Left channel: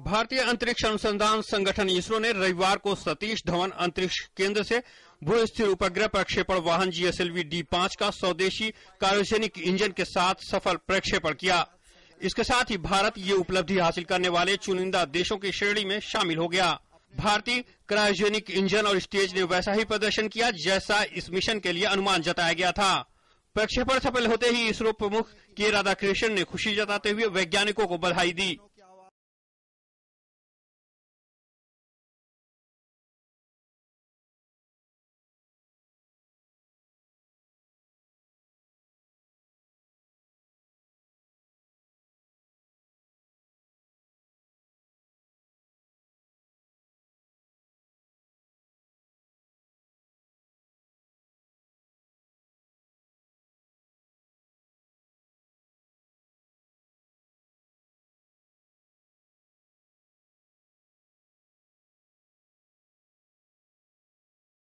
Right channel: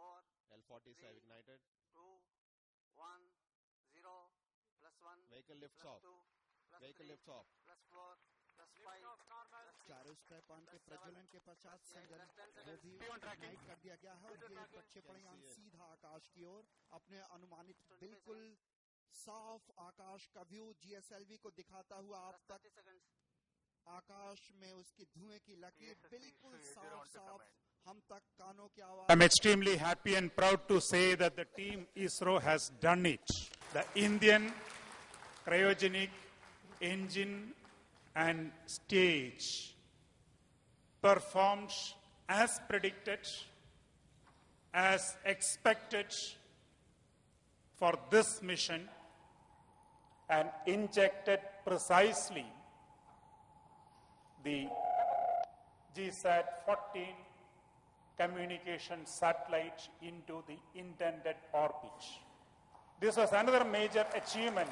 भारतीय अंतरिक्ष अनुसंधान संगठन इसरो ने रविवार को सतीश धवन अंतरिक्ष केंद्र से भू स्थिर उपग्रह प्रक्षेपण वाहन GSLV D5 का स्वदेशी क्रायोजेनिक इंजन के साथ सफल प्रक्षेपण किया। इसके साथ ही भारत ये उपलब्धि हासिल करने वाले चुनिंदा देशों की श्रेणी में शामिल हो गया। भारतीय क्रायोजेनिक इंजन और स्टेज ने वैसा ही प्रदर्शन किया जैसा इस मिशन के लिए अनुमान जताया गया था। प्रक्षेपण सफल होते ही इसरो प्रमुख के राधाकृष्णन ने खुशी जताते हुए वैज्ञानिकों को बधाई दी। I'm extremely happy and proud to say that the team ISRO has done it. The Indian cryogenic engine and stage performed as predicted, as expected for this mission, and injected precisely the GSAT-14 communication satellite into the intended orbit. This was another major achievement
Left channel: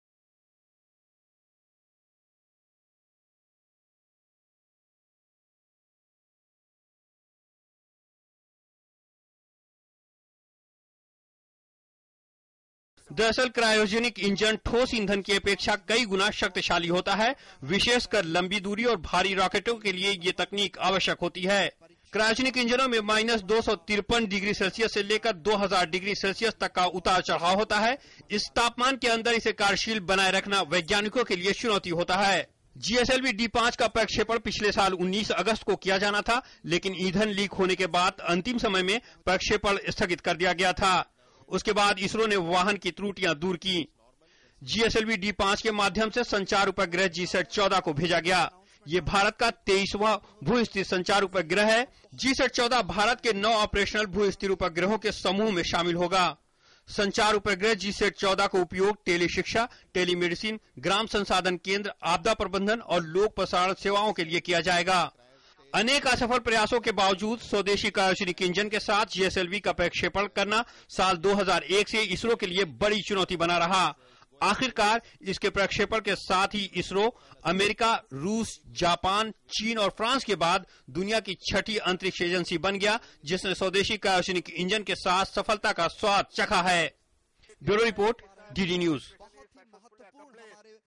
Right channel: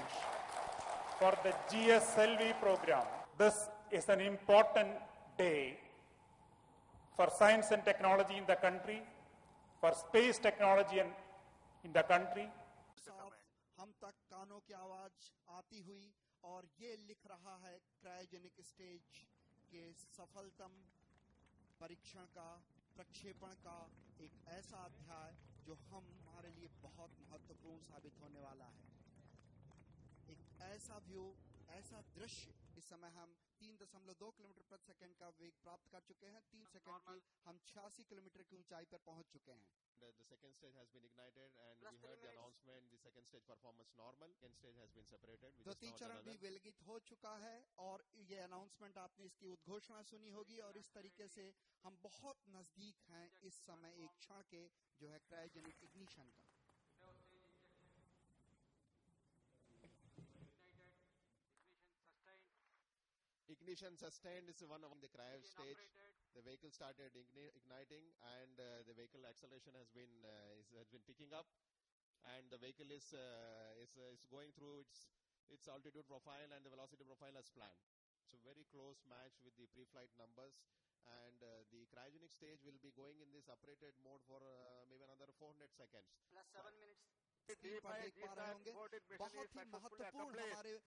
for the GSLV program. This is an important day for science and technology in the country, for space technology in the country. दरअसल cryogenic engine ठोस ईंधन की अपेक्षा कई गुना शक्तिशाली होता है। विशेषकर लंबी दूरी और भारी रॉकेटों के लिए ये तकनीक आवश्यक होती है। क्रायोजेनिक इंजनों में -253 डिग्री सेल्सियस से लेकर 2000 डिग्री सेल्सियस तक का उतार चढ़ाव होता है। इस तापमान के अंदर इसे कार्यशील बनाए रखना वैज्ञानिकों के लिए चुनौती होता है। GSLV D5 का प्रक्षेपण पिछले साल 19 अगस्त को किया जाना था, लेकिन ईंधन लीक होने के बाद अंतिम समय में प्रक्षेपण स्थगित कर दिया गया था। उसके बाद इसरो ने वाहन की त्रुटियां दूर की। GSLV D5 के माध्यम से संचार उपग्रह GSAT-14 को भेजा गया। ये भारत का 23वां भू स्थिर संचार उपग्रह है। GSAT-14 भारत के 9 ऑपरेशनल भू स्थिर उपग्रहों के समूह में शामिल होगा। संचार उपग्रह GSAT-14 का उपयोग टेली शिक्षा, टेलीमेडिसिन, ग्राम संसाधन केंद्र, आपदा प्रबंधन और लोक प्रसारण सेवाओं के लिए किया जाएगा। अनेक असफल प्रयासों के बावजूद स्वदेशी क्रायोजेनिक इंजन के साथ GSLV का प्रक्षेपण करना साल 2001 से इसरो के लिए बड़ी चुनौती बना रहा। आखिरकार इसके प्रक्षेपण के साथ ही इसरो अमेरिका, रूस, जापान, चीन और फ्रांस के बाद दुनिया की 6ठी अंतरिक्ष एजेंसी बन गया, जिसने स्वदेशी क्रायोजेनिक इंजन के साथ सफलता का स्वाद चखा है। Bureau report, DD news.